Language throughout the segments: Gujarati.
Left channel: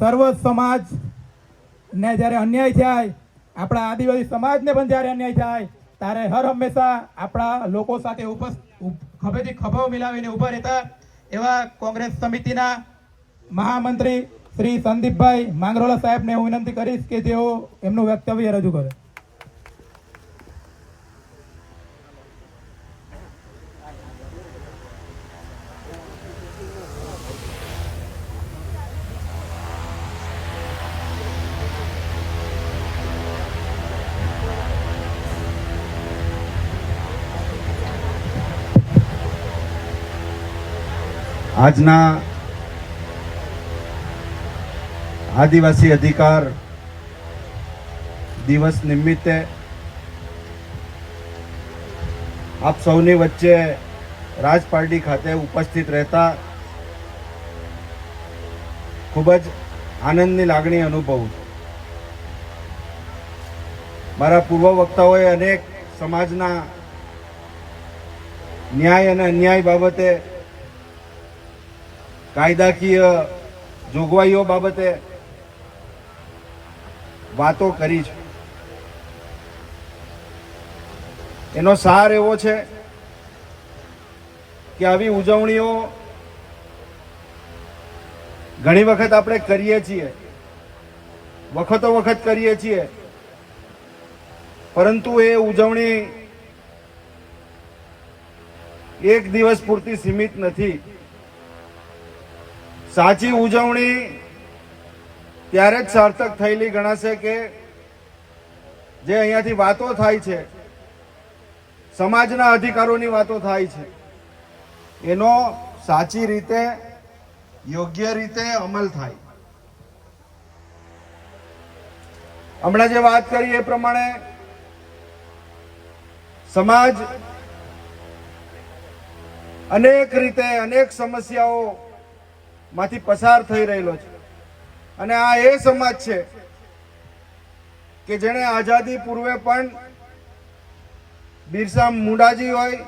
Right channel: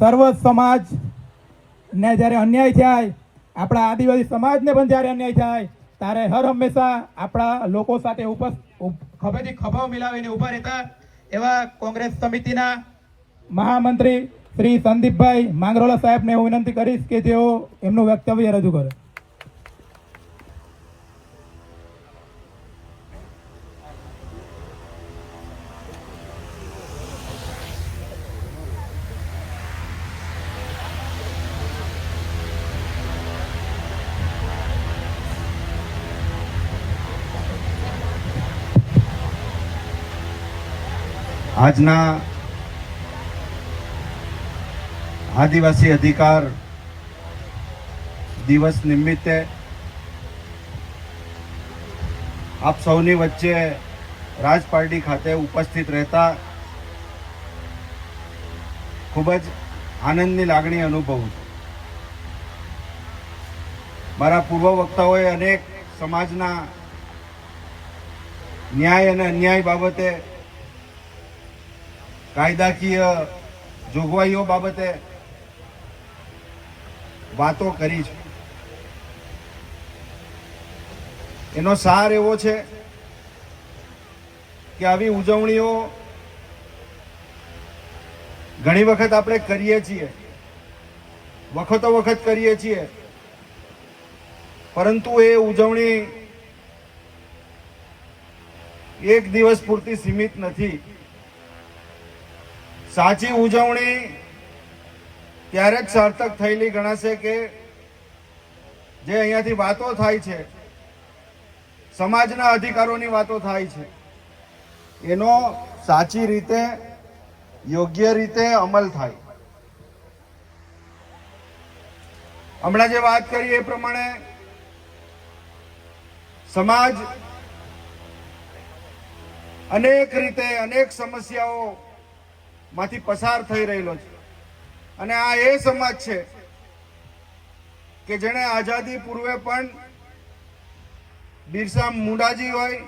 સર્વ સમાજ ને જ્યારે અન્યાય થાય, આપણા આદિવાસી સમાજને પણ જ્યારે અન્યાય થાય ત્યારે હર હંમેશા આપણા લોકો સાથે ખભેથી ખભો મિલાવીને ઊભા રહેતા એવા કોંગ્રેસ સમિતિના મહામંત્રી શ્રી સંદીપભાઈ માંગરોલા સાહેબને હું વિનંતી કરીશ કે તેઓ એમનું વક્તવ્ય રજૂ કરે. આજના આદિવાસી અધિકાર દિવસ નિમિત્તે આપ સૌની વચ્ચે રાજપારડી ખાતે ઉપસ્થિત રહેતા ખૂબ જ આનંદની લાગણી અનુભવું છું. મારા પૂર્વ વક્તાઓએ અનેક સમાજના ન્યાય અને અન્યાય બાબતે, કાયદાકીય જોગવાઈઓ બાબતે વાતો કરી છે. એનો સાર એવો છે કે આવી ઉજવણીઓ ઘણી વખત આપણે કરીએ છીએ, વખતો વખત કરીએ છીએ, પરંતુ એ ઉજવણી એક દિવસ પૂરતી સીમિત નથી. સાચી ઉજવણી ત્યારે જ સાર્થક થયેલી ગણાશે કે જે અહીંયાથી વાતો થાય છે, સમાજના અધિકારોની વાતો થાય છે, એનો સાચી રીતે, યોગ્ય રીતે અમલ થાય. હમણાં જે વાત કરી એ પ્રમાણે સમાજ અનેક રીતે અનેક સમસ્યાઓ માંથી પસાર થઈ રહેલો છે અને આ એ સમાજ છે કે જેણે આઝાદી પૂર્વે પણ બિરસા મુંડાજી હોય,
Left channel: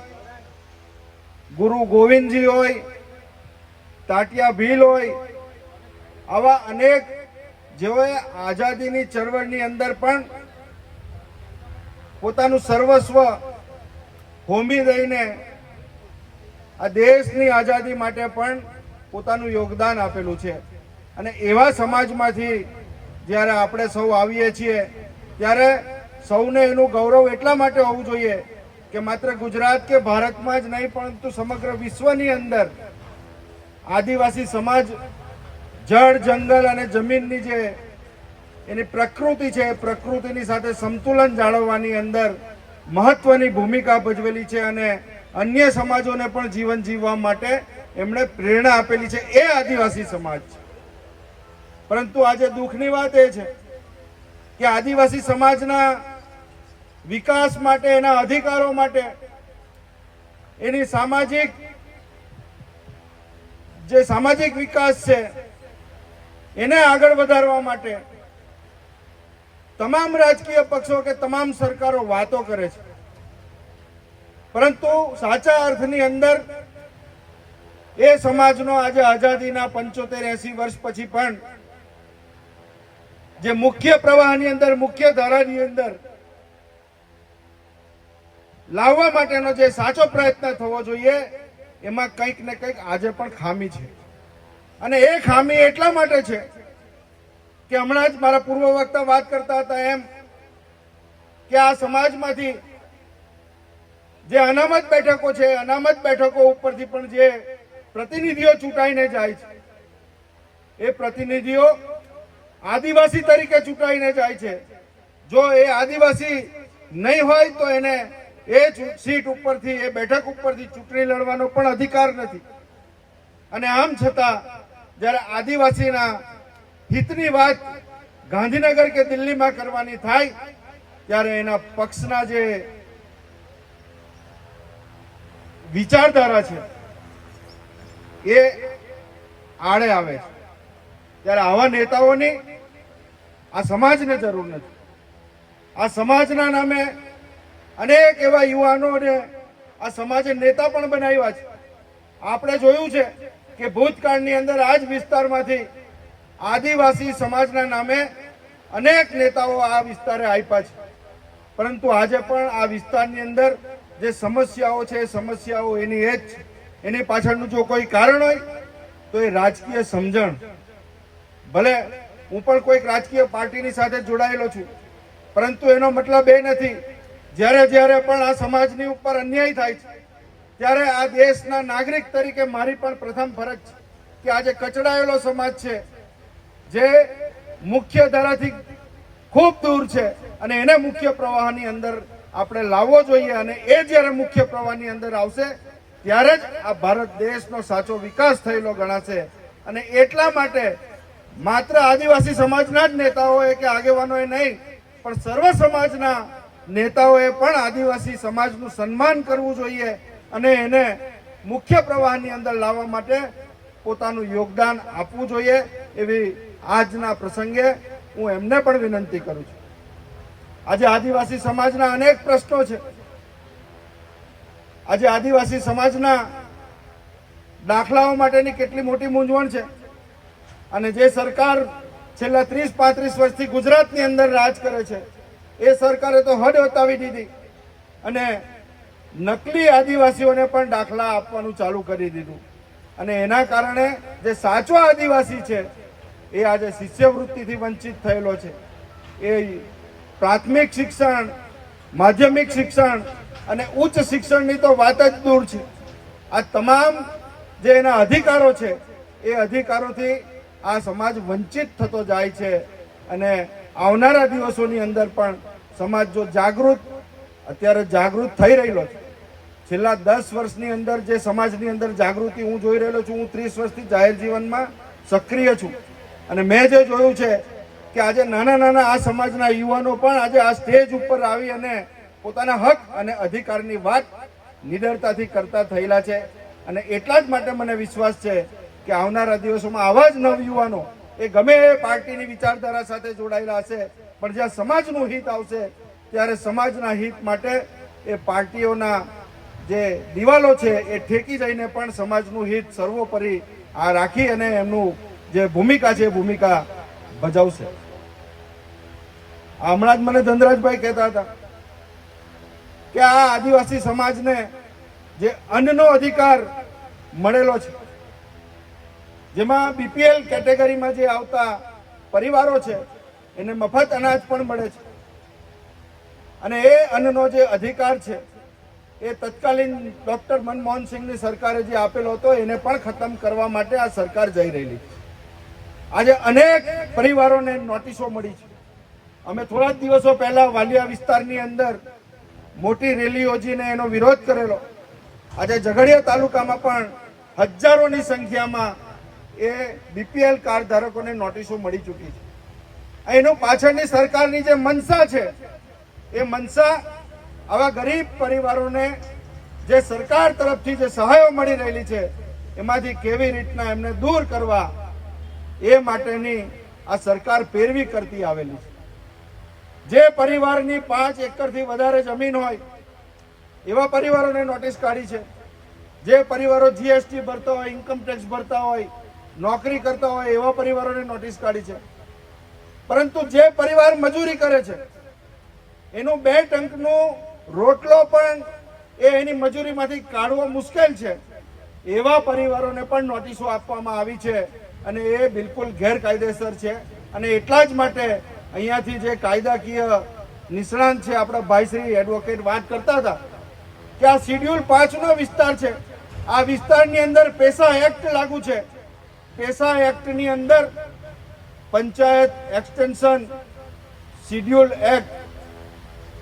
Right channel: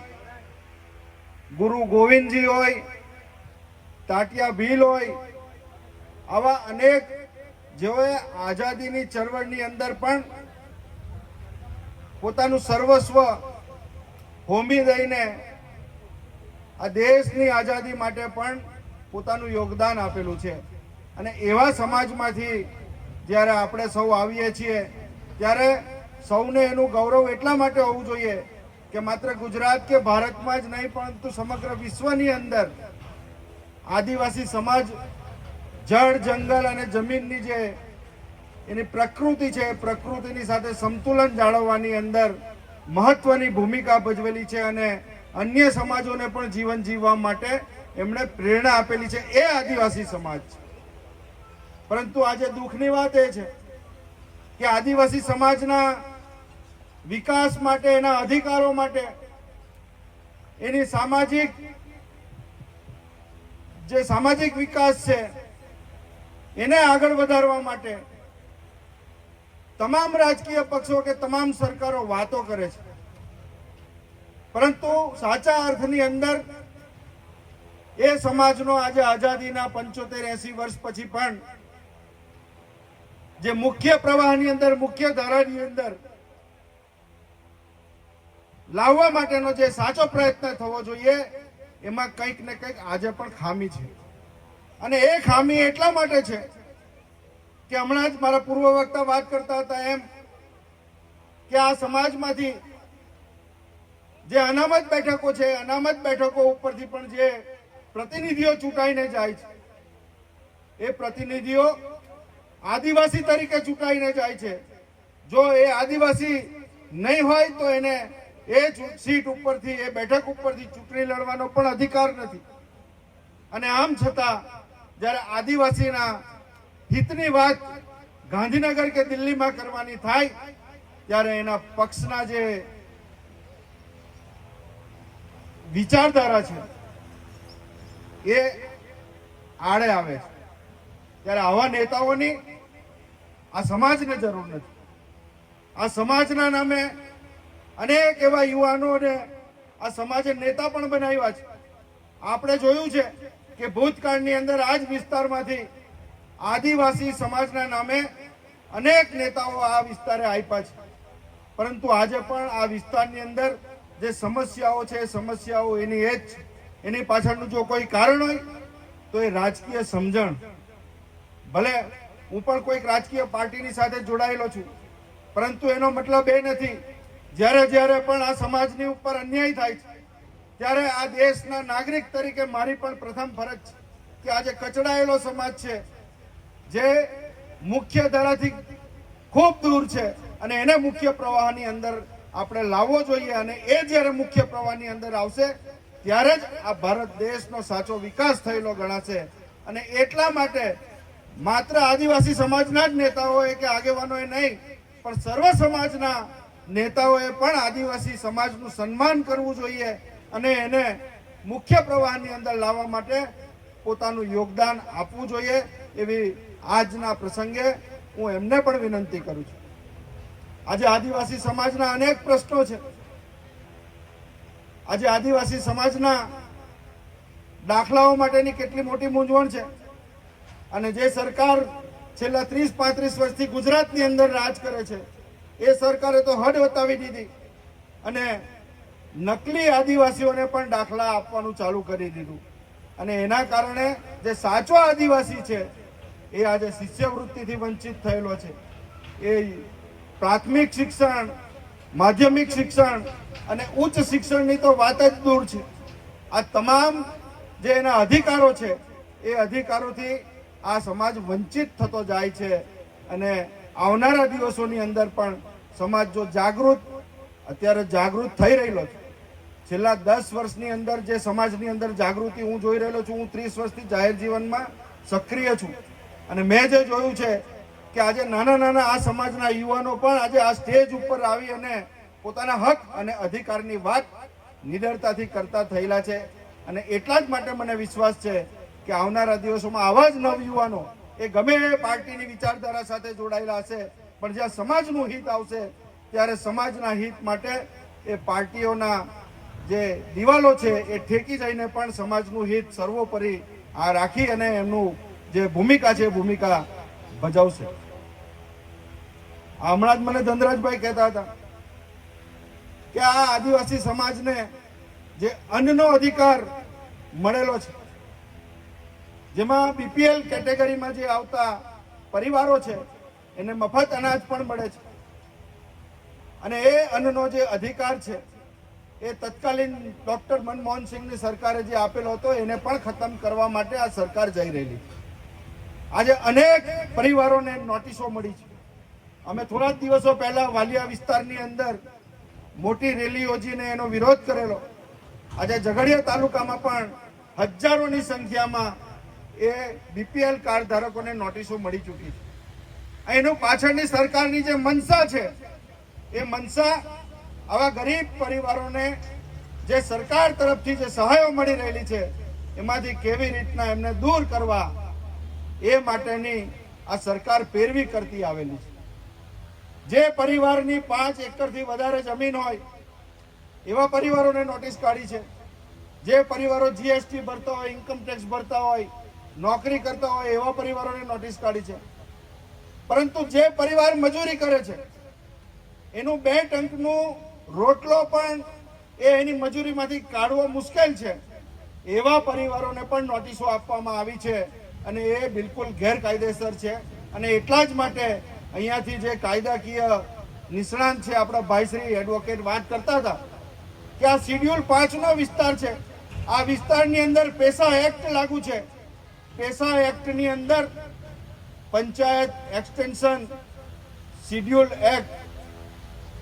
ગુરુ ગોવિંદજી હોય, તાટિયા ભીલ હોય, આવા અનેક જેઓએ આઝાદીની ચળવળની અંદર પણ પોતાનું સર્વસ્વ હોમી દઈને આ દેશની આઝાદી માટે પણ પોતાનું યોગદાન આપેલું છે. અને એવા સમાજમાંથી જ્યારે આપણે સૌ આવીએ છીએ ત્યારે સૌને એનું ગૌરવ એટલા માટે હોવું જોઈએ કે માત્ર ગુજરાત કે ભારતમાં જ નહીં પરંતુ સમગ્ર વિશ્વની અંદર આદિવાસી સમાજ જળ, જંગલ અને જમીનની જે એની પ્રકૃતિ છે એ પ્રકૃતિની સાથે સમતુલન જાળવવાની અંદર મહત્વની ભૂમિકા ભજવેલી છે અને અન્ય સમાજોને પણ જીવન જીવવા માટે એમણે પ્રેરણા આપેલી છે. એ આદિવાસી સમાજ છે. પરંતુ આજે દુઃખની વાત એ છે કે આદિવાસી સમાજના વિકાસ માટે, એના અધિકારો માટે, એની સામાજિક વિકાસ છે એને આગળ વધારવા માટે તમામ રાજકીય પક્ષો કે તમામ સરકારો વાતો કરે છે, પરંતુ સાચા અર્થની અંદર એ સમાજનો આજે આઝાદીના 75-80 વર્ષ પછી પણ જે મુખ્ય પ્રવાહની અંદર, મુખ્ય ધારાની અંદર લાવવા માટેનો જે સાચો પ્રયત્ન થવો જોઈએ એમાં કંઈક ને કંઈક આજે પણ ખામી છે. અને એ ખામી એટલા માટે છે કે હમણાં જ મારા પૂર્વ વક્તા વાત કરતા હતા એમ કે આ સમાજમાંથી જે અનામત બેઠકો છે, અનામત બેઠકો ઉપરથી પણ જે પ્રતિનિધિઓ ચૂંટાઈને જાય છે એ પ્રતિનિધિઓ આદિવાસી તરીકે ચૂંટાઈને જાય છે. જો એ આદિવાસી નહીં હોય તો એને એ સીટ ઉપરથી, એ બેઠક ઉપરથી ચૂંટણી લડવાનો પણ અધિકાર નથી. અને આમ છતાં જ્યારે આદિવાસીના હિતની વાત ગાંધીનગર કે દિલ્હીમાં કરવાની થાય ત્યારે એના પક્ષના જે વિચારધારા છે એ આડે આવે છે. ત્યારે આવા નેતાઓની આ સમાજને જરૂર નથી. આ સમાજના નામે અનેક એવા યુવાનોને આ સમાજે નેતા પણ બનાવ્યા છે. આપણે જોયું છે કે ભૂતકાળની અંદર આ જ વિસ્તારમાંથી આદિવાસી સમાજના નામે અનેક નેતાઓ આ વિસ્તારે આપ્યા છે, પરંતુ આજે પણ આ વિસ્તારની અંદર જે સમસ્યાઓ છે એ સમસ્યાઓ એની એ જ છે. એની પાછળનું જો કોઈ કારણ હોય તો એ રાજકીય સમજણ. ભલે હું પણ કોઈક રાજકીય પાર્ટીની સાથે જોડાયેલો છું, પરંતુ એનો મતલબ એ નથી જ્યારે જ્યારે પણ આ સમાજની ઉપર અન્યાય થાય છે ત્યારે આ દેશના નાગરિક તરીકે મારી પણ પ્રથમ ફરજ છે કે આજે કચડાયેલો સમાજ છે, જે મુખ્ય ધારાથી ખૂબ દૂર છે, અને એને મુખ્ય પ્રવાહની અંદર આપણે લાવવો જોઈએ. અને એ જ્યારે મુખ્ય પ્રવાહની અંદર આવશે ત્યારે જ આ ભારત દેશનો સાચો વિકાસ થયેલો ગણાશે. અને એટલા માટે માત્ર આદિવાસી સમાજના જ નેતાઓએ કે આગેવાનોએ નહીં, પણ સર્વ સમાજના નેતાઓએ પણ આદિવાસી સમાજનું સન્માન કરવું જોઈએ અને એને મુખ્ય પ્રવાહની અંદર લાવવા માટે પોતાનું યોગદાન આપવું જોઈએ. એવી આજના પ્રસંગે હું એમને પણ વિનંતી કરું છું. આજે આદિવાસી સમાજના અનેક પ્રશ્નો છે. આજે આદિવાસી સમાજના દાખલાઓ માટેની કેટલી મોટી મૂંઝવણ છે. અને જે સરકાર છેલ્લા 30-35 વર્ષથી ગુજરાતની અંદર રાજ કરે છે એ સરકારે તો હદ વટાવી દીધી અને નકલી આદિવાસીઓને પણ દાખલા આપવાનું ચાલુ કરી દીધું. અને એના કારણે જે સાચો આદિવાસી છે એ આજે શિષ્યવૃત્તિથી વંચિત થયેલો છે. એ પ્રાથમિક શિક્ષણ, માધ્યમિક શિક્ષણ અને ઉચ્ચ શિક્ષણની તો વાત જ દૂર છે. આ તમામ જે એના અધિકારો છે એ અધિકારોથી આ સમાજ વંચિત થતો જાય છે. અને આવનારા દિવસોની અંદર પણ સમાજ જો અત્યારે જાગૃત થઈ રહેલો છે. છેલ્લા 10 વર્ષની અંદર જે સમાજની અંદર જાગૃતિ હું જોઈ રહેલો છું, હું 30 વર્ષથી જાહેર જીવનમાં સક્રિય છું, અને મેં જે જોયું છે કે આજે નાના નાના આ સમાજના યુવાનો પણ આજે આ સ્ટેજ ઉપર આવી અને પોતાના હક અને અધિકારની વાત નિડરતાથી કરતા થયેલા છે. અને એટલા જ માટે મને વિશ્વાસ છે કે આવનારા દિવસોમાં આવા જ નવયુવાનો એ ગમે એ પાર્ટીની વિચારધારા સાથે જોડાયેલા હશે, પણ જ્યાં સમાજનું હિત આવશે ત્યારે સમાજના હિત માટે એ પાર્ટીઓના જે દિવાલો છે એ ઠેકી જઈને પણ સમાજનું હિત સર્વોપરી આ રાખી અને એમનું જે ભૂમિકા છે એ ભૂમિકા ભજવશે. હમણાં જ મને ધનરાજભાઈ કહેતા હતા કે આ આદિવાસી સમાજને જે અન્નનો અધિકાર મળેલો છે, જેમાં બીપીએલ કેટેગરીમાં જે આવતા પરિવારો છે એને મફત અનાજ પણ મળે છે, અને એ અન્નનો જે અધિકાર છે એ તત્કાલીન ડોક્ટર મનમોહન સિંહની સરકારે જે આપેલો હતો એને પણ ખતમ કરવા માટે આ સરકાર જઈ રહેલી છે. આજે અનેક પરિવારોને નોટિસો મળી છે. અમે થોડા જ દિવસો પહેલા વાલિયા વિસ્તારની અંદર મોટી રેલી યોજીને એનો વિરોધ કરેલો. આજે ઝઘડિયા તાલુકામાં પણ હજારોની સંખ્યામાં એ બીપીએલ કાર્ડ ધારકોને નોટિસો મળી ચૂકી છે. એનું પાછળની સરકારની જે મનસા છે એ મનસા આવા ગરીબ પરિવારોને જે સરકાર તરફથી જે સહાયો મળી રહેલી છે એમાંથી કેવી રીતના એમને દૂર કરવા એ માટેની આ સરકાર પેરવી કરતી આવેલી છે. જે પરિવારની 5 એકરથી વધારે જમીન હોય એવા પરિવારોને નોટિસ કાઢી છે. જે પરિવારો જીએસટી ભરતા હોય, ઇન્કમ ટેક્સ ભરતા હોય, નોકરી કરતા હોય એવા પરિવારોને નોટિસ કાઢી છે. પરંતુ જે પરિવાર મજૂરી કરે છે એનું 2 ટંકનો રોટલો પણ એની મજૂરીમાંથી કાઢવો મુશ્કેલ છે એવા પરિવારોને પણ નોટિસો આપવામાં આવી છે. અને એ બિલકુલ ગેરકાયદેસર છે. અને એટલા જ માટે અહીંયાથી જે કાયદાકીય નિષ્ણાંત છે આપણા ભાઈશ્રી એડવોકેટ વાત કરતા હતા કે આ શિડ્યુલ 5 નો વિસ્તાર છે. આ વિસ્તારની અંદર પેસા એક્ટ લાગુ છે. પેસા એક્ટની અંદર પંચાયત એક્સટેન્શન શિડ્યુલ એક્ટ,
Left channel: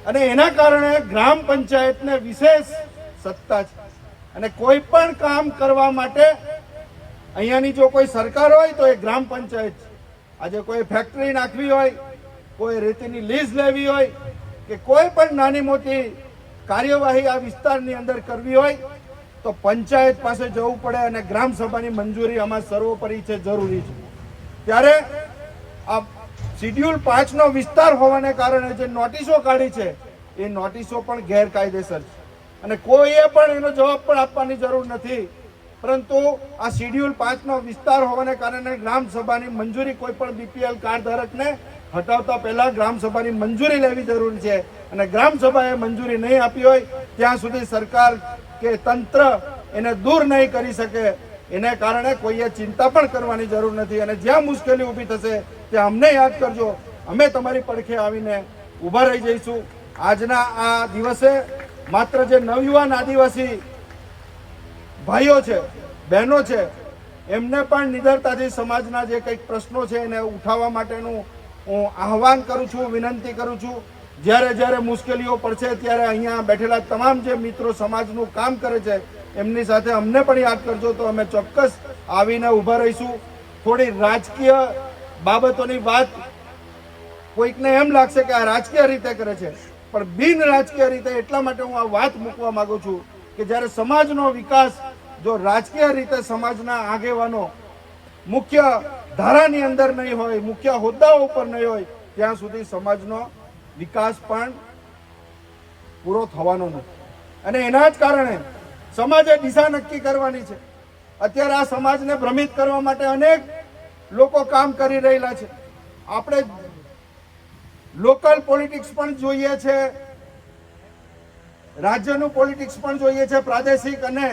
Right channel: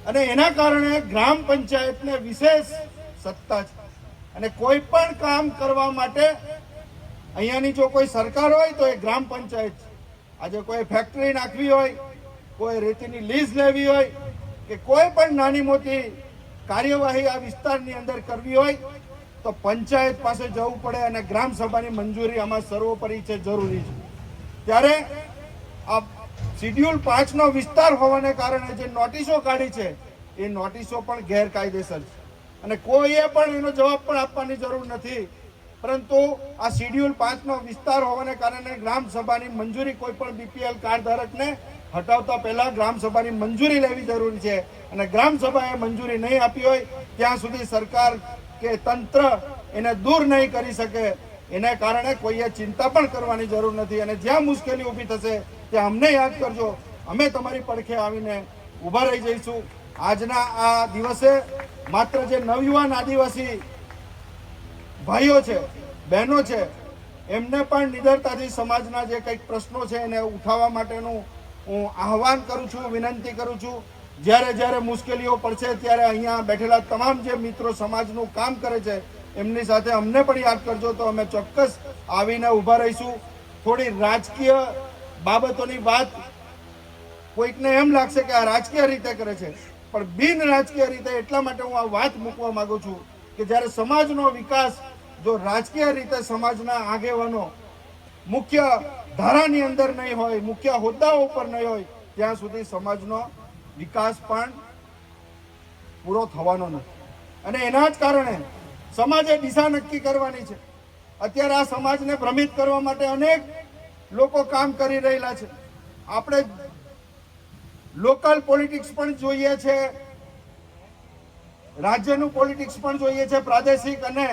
અને એના કારણે ગ્રામ પંચાયતને વિશેષ સત્તા છે. અને કોઈ પણ કામ કરવા માટે અહીંયાની જો કોઈ સરકાર હોય તો એ ગ્રામ પંચાયત છે. આજે કોઈ ફેક્ટરી નાખવી હોય, કોઈ રેતીની લીઝ લેવી હોય કે કોઈ પણ નાની મોટી કાર્યવાહી આ વિસ્તારની અંદર કરવી હોય તો પંચાયત પાસે જવું પડે, અને ગ્રામ સભાની મંજૂરી આમાં સર્વોપરી છે, જરૂરી છે. ત્યારે આ શિડ્યુલ 5 નો વિસ્તાર હોવાને કારણે જે નોટિસો કાઢી છે એ નોટિસો પણ ગેરકાયદેસર છે. અને કોઈએ પણ એનો જવાબ પણ આપવાની જરૂર નથી પરંતુ આ શિડ્યુલ 5નો વિસ્તાર હોવાને કારણે ગ્રામ સભાની મંજૂરી કોઈ પણ બીપીએલ કાર્ડ ધારકને હટાવતા પહેલા ગ્રામ સભાની મંજૂરી લેવી જરૂરી છે અને ગ્રામ સભાએ મંજૂરી નહીં આપી હોય ત્યાં સુધી સરકાર કે તંત્ર એને દૂર નહીં કરી શકે. એને કારણે કોઈએ ચિંતા પણ કરવાની જરૂર નથી અને જ્યાં મુશ્કેલી ઊભી થશે ત્યાં અમને યાદ કરજો. અમે તમારી પડખે આવીને ઊભા રહી જઈશું. આજના આ દિવસે માત્ર જે નવયુવાન આદિવાસી ભાઈઓ છે, બહેનો છે, એમને પણ નિડરતાથી સમાજના જે કંઈક પ્રશ્નો છે એને ઉઠાવવા માટેનું હું આહવાન કરું છું, વિનંતી કરું છું. જ્યારે જ્યારે મુશ્કેલીઓ પડશે ત્યારે અહીંયા બેઠેલા તમામ જે મિત્રો સમાજનું કામ કરે છે એમની સાથે અમને પણ યાદ કરજો તો અમે ચોક્કસ આવીને ઊભા રહીશું. થોડી રાજકીય બાબતોની વાત કોઈકને એમ લાગશે કે આ રાજકીય રીતે કરે છે, પણ બિન રાજકીય રીતે એટલા માટે હું આ વાત મૂકવા માંગુ છું કે જ્યારે સમાજનો વિકાસ જો રાજકીય રીતે સમાજના આગેવાનો મુખ્ય ધારાની અંદર નહીં હોય, મુખ્ય હોદ્દાઓ ઉપર નહીં હોય, ત્યાં સુધી સમાજનો વિકાસ પણ પૂરો થવાનો નથી. અને એના જ કારણે સમાજે દિશા નક્કી કરવાની છે. અત્યારે આ સમાજને ભ્રમિત કરવા માટે અનેક લોકો કામ કરી રહેલા છે. આપણે લોકલ પોલિટિક્સ પણ જોઈએ છે, રાજ્યનું પોલિટિક્સ પણ જોઈએ છે, પ્રાદેશિક અને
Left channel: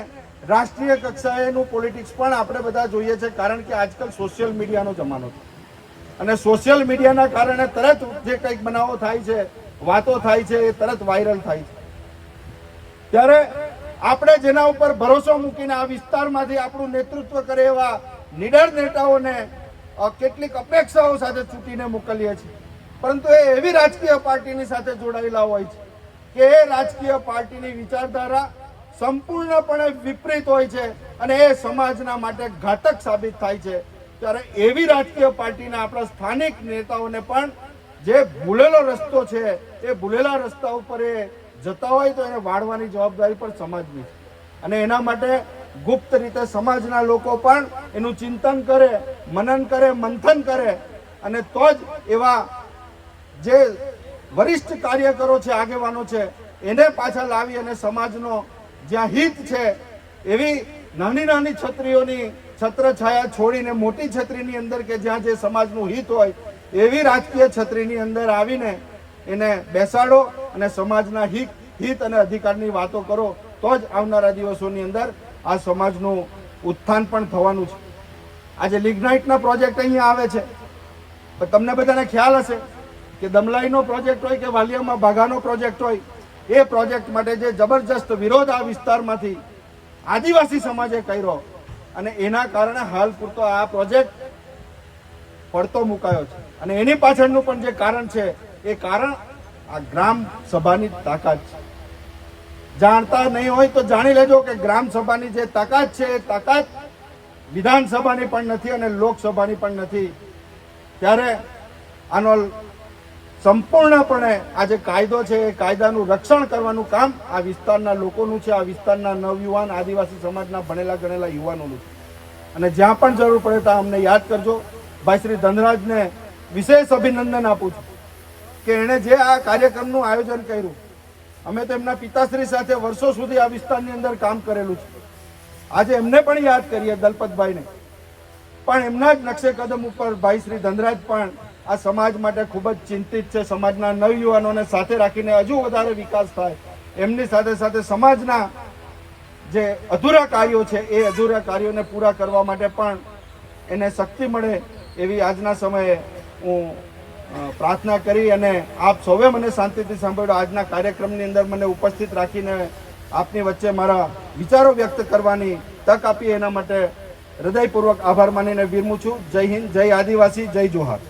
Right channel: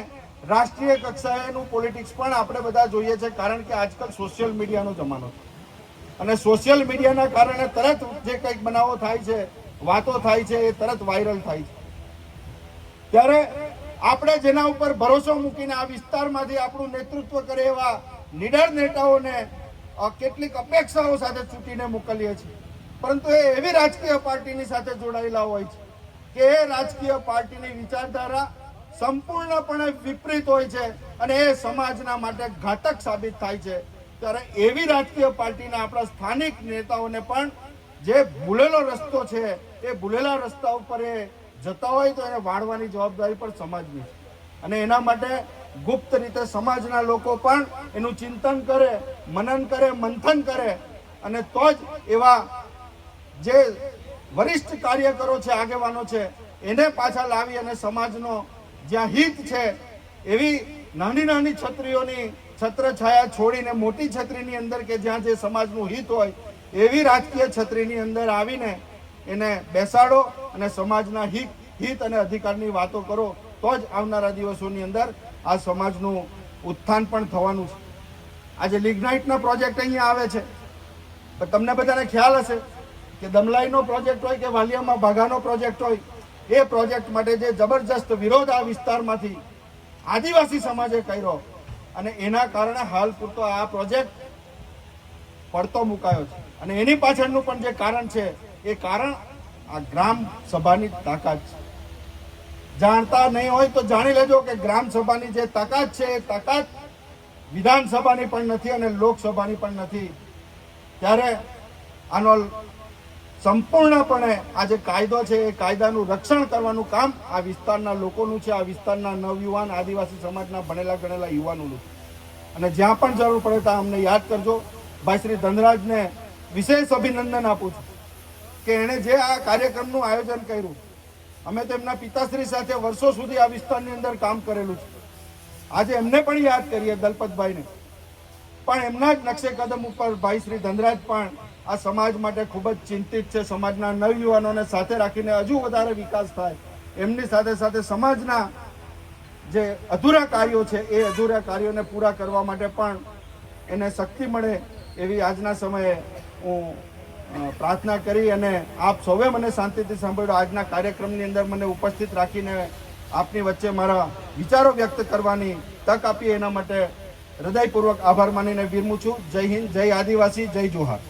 રાષ્ટ્રીય કક્ષાએનું પોલિટિક્સ પણ આપણે બધા જોઈએ છે. કારણ કે આજકાલ સોશિયલ મીડિયાનો જમાનો છે અને સોશિયલ મીડિયાના કારણે તરત જે કંઈક બનાવો થાય છે, વાતો થાય છે, એ તરત વાયરલ થાય છે. ત્યારે આપણે જેના ઉપર ભરોસો મૂકીને આ વિસ્તારમાંથી આપણું નેતૃત્વ કરે એવા નીડર નેતાઓને કેટલીક અપેક્ષાઓ સાથે ચૂંટીને મોકલીએ છીએ, પરંતુ એ એવી રાજકીય પાર્ટીની સાથે જોડાયેલા હોય છે કે એ રાજકીય પાર્ટીની વિચારધારા સંપૂર્ણપણે વિપરીત હોય છે અને એ સમાજના માટે ઘાતક સાબિત થાય છે. ત્યારે એવી રાજકીય પાર્ટીના આપણા સ્થાનિક નેતાઓને પણ જે ભૂલેલો રસ્તો છે એ ભૂલેલા રસ્તા ઉપર એ જતા હોય તો એને વાળવાની જવાબદારી પણ સમાજની છે. અને એના માટે ગુપ્ત રીતે સમાજના લોકો પણ એનું ચિંતન કરે, મનન કરે, મંથન કરે અને તો જ એવા જે વરિષ્ઠ કાર્યકરો છે, આગેવાનો છે, એને પાછા લાવી અને સમાજનો જ્યાં હિત છે એવી નાની નાની છત્રીઓની છત્રછાયા છોડીને મોટી છત્રીની અંદર કે જ્યાં જે સમાજનું હિત હોય એવી રાજકીય છત્રીની અંદર આવીને એને બેસાડો અને સમાજના હિત અને અધિકારની વાતો કરો તો જ આવનારા દિવસોની અંદર આ સમાજનું ઉત્થાન પણ થવાનું છે. આજે લિગ્નાઇટનો પ્રોજેક્ટ અહીંયા આવે છે તો તમને બધાને ખ્યાલ હશે કે દમલાઈનો પ્રોજેક્ટ હોય કે વાલિયામાં ભાગાનો પ્રોજેક્ટ હોય, એ પ્રોજેક્ટ માટે જે જબરજસ્ત વિરોધ આ વિસ્તારમાંથી આદિવાસી સમાજે કર્યો અને એના કારણે હાલ પૂરતો આ પ્રોજેક્ટ પડતો મુકાયો છે. અને એની પાછળનું પણ જે કારણ છે એ કારણ આ ગ્રામ સભાની તાકાત છે. જાણતા નહીં હોય તો જાણી લેજો કે ગ્રામ સભાની જે તાકાત છે એ તાકાત વિધાનસભાની પણ નથી અને લોકસભાની પણ નથી. ત્યારે આનો સંપૂર્ણપણે આ જે કાયદો છે એ કાયદાનું રક્ષણ કરવાનું કામ આ વિસ્તારના લોકોનું છે, આ વિસ્તારના નવયુવાન આદિવાસી સમાજના ભણેલા ગણેલા યુવાનોનું છે. અને જ્યાં પણ જરૂર પડે ત્યાં અમને યાદ કરજો. ભાઈ શ્રી ધનરાજને વિશેષ અભિનંદન આપું છું કે એણે જે આ કાર્યક્રમનું આયોજન કર્યું. અમે તો એમના પિતાશ્રી સાથે વર્ષો સુધી આ વિસ્તારની અંદર કામ કરેલું છે. આજે એમને પણ યાદ કરીએ, દલપતભાઈને પણ એમના જ નકશે કદમ ઉપર ભાઈ શ્રી ધનરાજ પણ આ સમાજ માટે ખૂબ જ ચિંતિત છે. સમાજના નવયુવાનોને સાથે રાખીને હજુ વધારે વિકાસ થાય, એમની સાથે સાથે સમાજના જે અધૂરા કાર્યો છે એ અધૂરા કાર્યોને પૂરા કરવા માટે પણ એને શક્તિ મળે એવી આજના સમયે હું પ્રાર્થના કરી અને આપ સૌએ મને શાંતિથી સાંભળ્યો. આજના કાર્યક્રમની અંદર મને ઉપસ્થિત રાખીને આપની વચ્ચે મારા વિચારો વ્યક્ત કરવાની તક આપી એના માટે હૃદયપૂર્વક આભાર માનીને વિરમું છું. જય હિન્દ, જય આદિવાસી, જય જોહાર.